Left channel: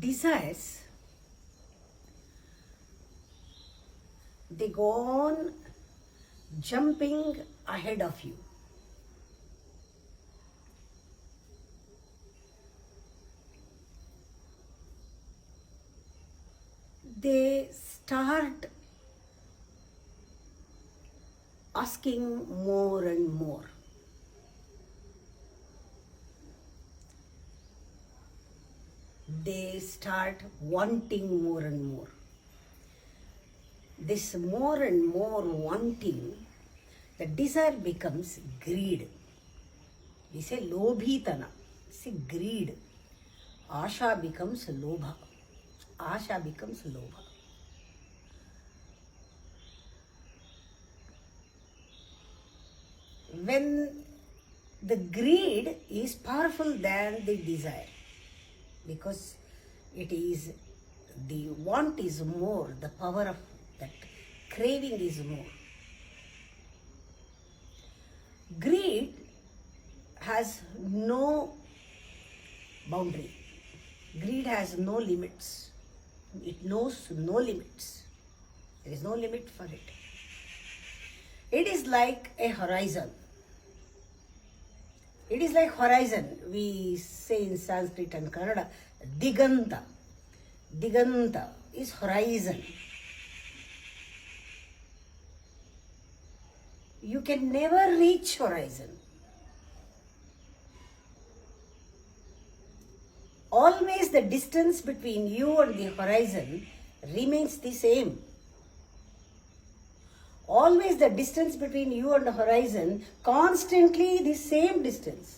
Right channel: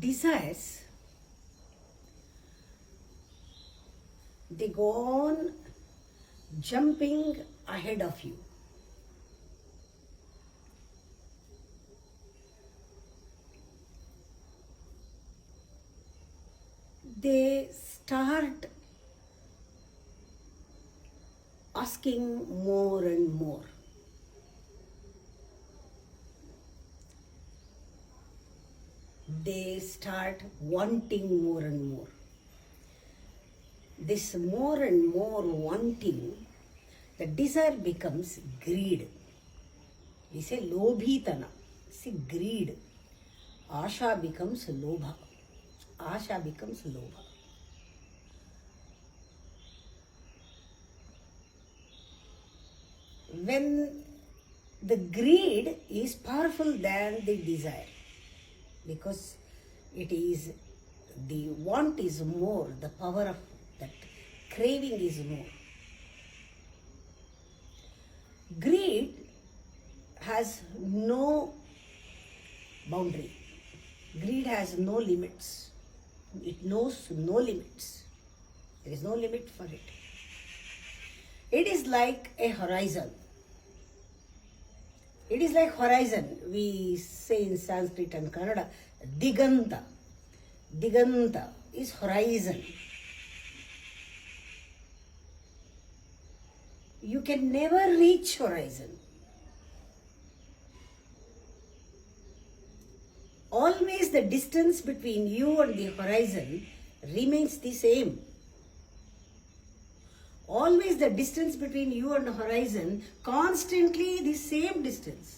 desires, they go on jumping ahead of you. They start asking more and more. They start wanting more and more. This more and more wanting, the desire becomes greed. We say lobhitana. See, greed. Asha becomes lobha. Asha becomes lobha. When the greed is powerful than the desire, because it is, the want is more, the power of that craving is more. Greed has no boundary. Greed has no limits. It knows no limits. There is no limit for it. It is like a horizon. It is like horizon. We say in Sanskrit and Kannada, Diganta. Diganta is horizon. You can never reach horizon. Always the distance between you and the horizon remains the same. Always the distance between you and the horizon, constantly the same distance.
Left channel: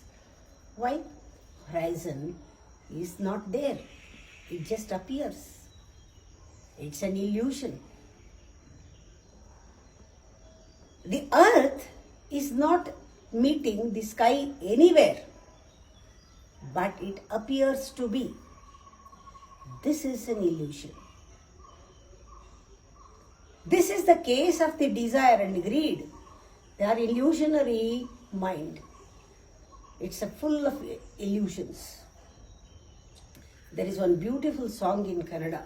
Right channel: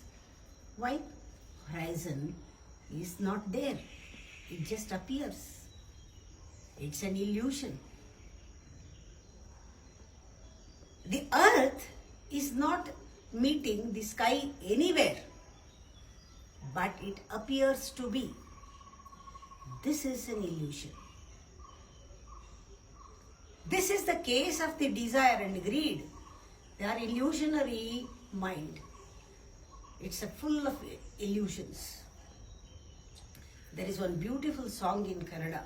Why? Horizon is not there. It just appears. It's an illusion. The earth is not meeting the sky anywhere, but it appears to be. This is an illusion. This is the case of the desire and greed. They are illusionary mind. It's full of illusions. There is one beautiful song in Kannada.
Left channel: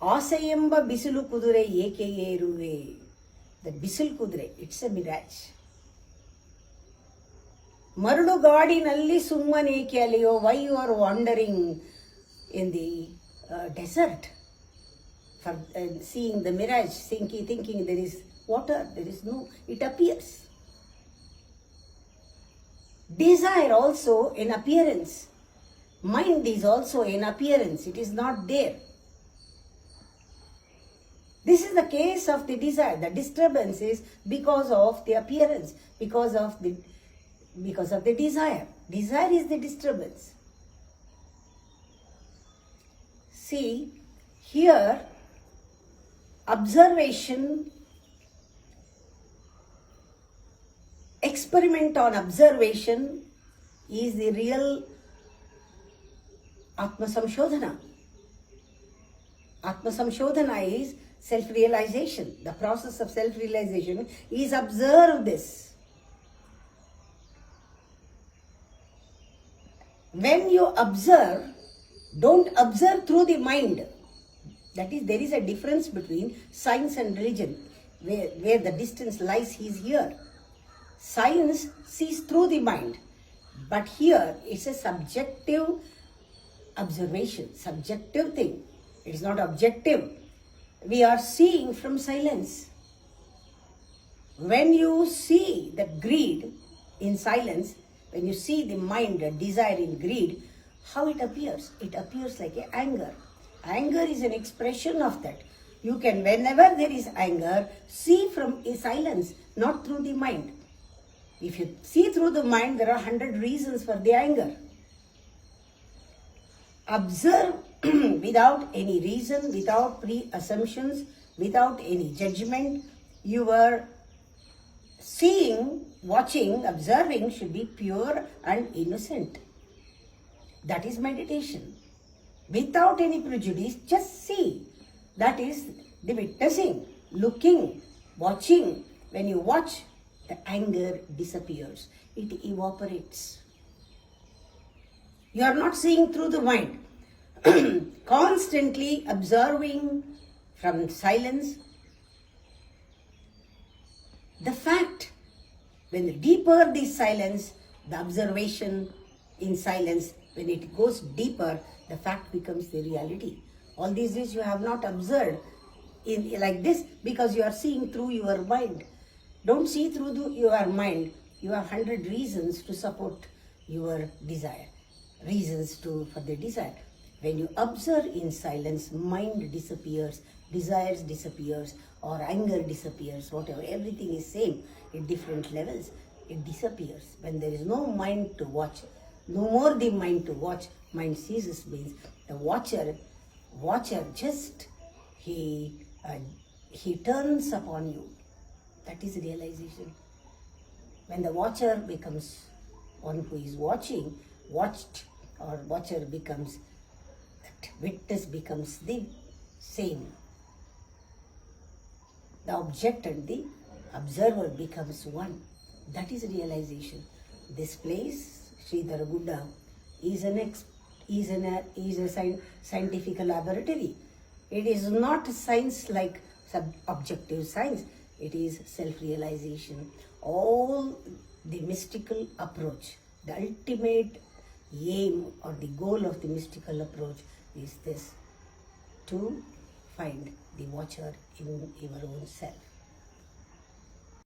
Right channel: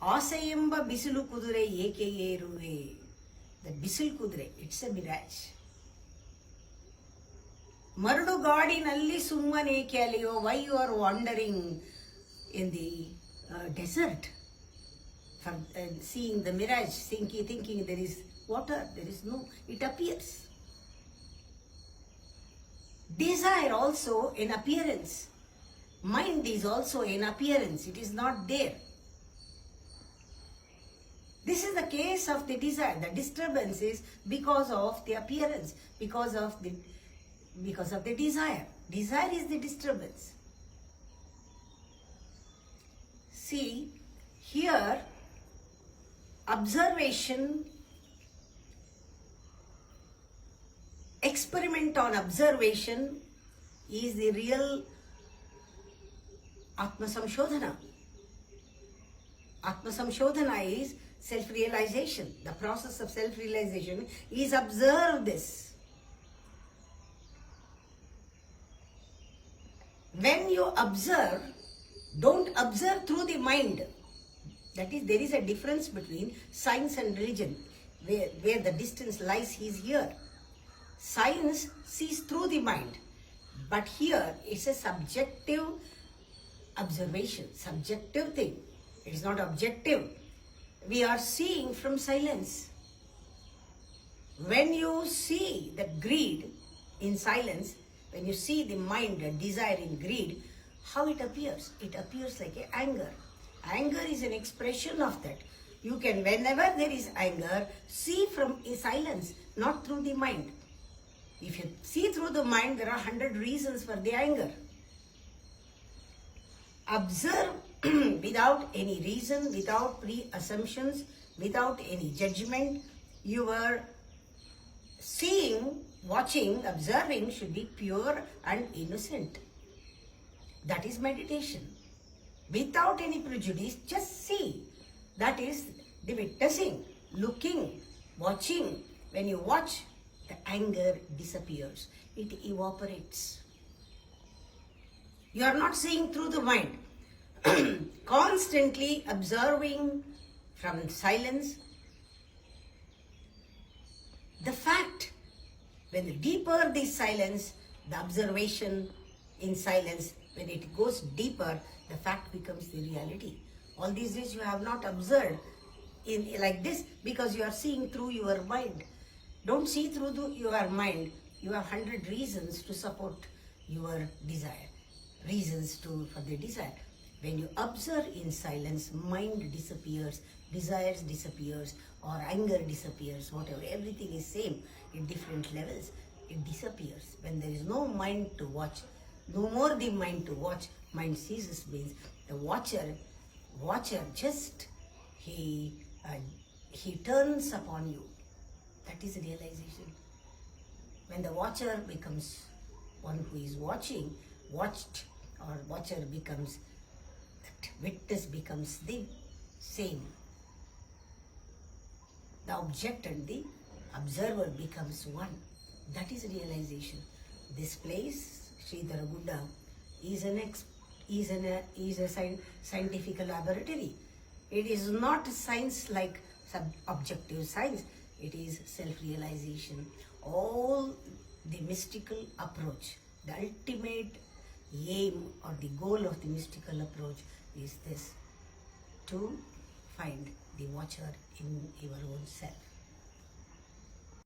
Asayemba bisilu kudure eke eruve. The bisil kudure, it's a mirage. Marudu ಗಾಡಿನಲ್ಲಿ ಸುಮ್ಮನೇಕೆ ಅಲೆಯೋ, why you are wandering in the desert for seeing the mirage, thinking there is water, there is no, it appears. Desire also an appearance. Mind is also an appearance, it is not there. This is the case of the desire. The disturbance is because of the appearance, because of the desire. Desire is the disturbance. See, here observation, experiment on observation is the real Atma Samshodhana. Atma Samshodhana is self-realization. The process of self-realization is observe this. When you observe, don't observe through the mind. That is, there is a difference between science and religion. Where the distance lies is here. Science sees through the mind. But here, it's a subjective observation, subjective thing. It is not objective. We are seeing from silence. When you see the greed in silence, when you see the mind, the desire in greed, how it appears? It appears like a anger. Anger is an expression of that. You can, whenever there is anger, see from a silence, not through the mind. If you see through the mind, there are 100 reasons for the anger. Observe without any reason, without pre-assumptions, without any judgment. Your seeing, watching, observing should be pure and innocent. That is meditation. Without any prejudice, just see. That is the witnessing, looking, watching. When you watch, the anger disappears. It evaporates. You are not seeing through the mind. constantly observing from silence. The fact, when the deeper the silence, the observation in silence, when it goes deeper, the fact becomes the reality. All these days you have not observed in like this because you are seeing through your mind. Don't see through your mind. You have 100 reasons to support your desire, reasons for the desire. When you observe in silence, mind disappears, desires disappears, or anger disappears, whatever, everything is same in different levels. It disappears. When there is no mind to watch, no more the mind to watch, mind ceases means the watcher just he turns upon you. That is realization. When the watcher becomes one who is watching, watched, or watcher becomes, that witness becomes the same. The object and the observer becomes one. That is realization. This place, Sridhar Buddha, is a scientific laboratory. It is not science like objective science. It is self-realization. All the mystical approach, the ultimate aim or the goal of the mystical approach is this: to find the watcher in your own self.